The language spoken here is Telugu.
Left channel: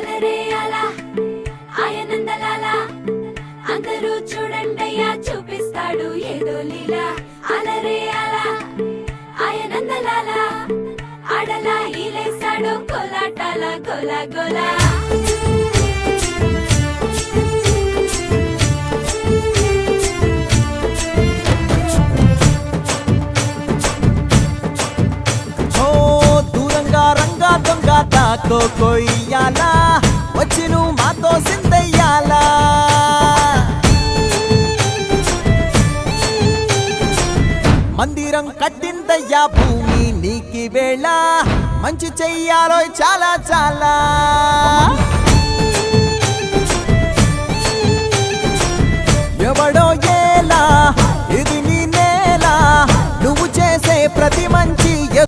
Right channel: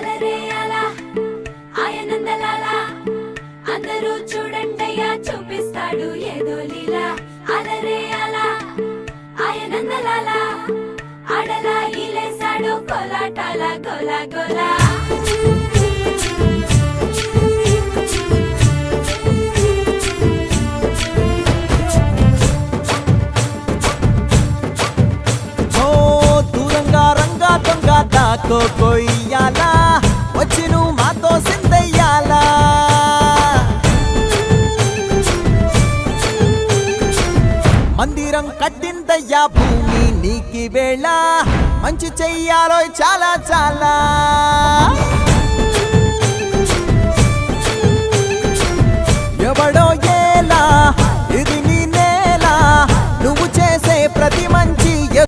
అలరే అలా ఆయనందలాల అందరూ చూడండయ్యా చూపిస్తాడు ఏదో లీలా అలరే అలా ఆయనందలాల ఆడలా ఈలేశాడు కోలాటాల గోలా గోలా రంగా దొంగ దాకో కొయ్యాలా వచ్చి నువ్వు మాతో సిందయ్యాలా మందిరం కట్టిందయ్యా భూమి నీకి వేళ మంచి చెయ్యాలో చాలా చాలా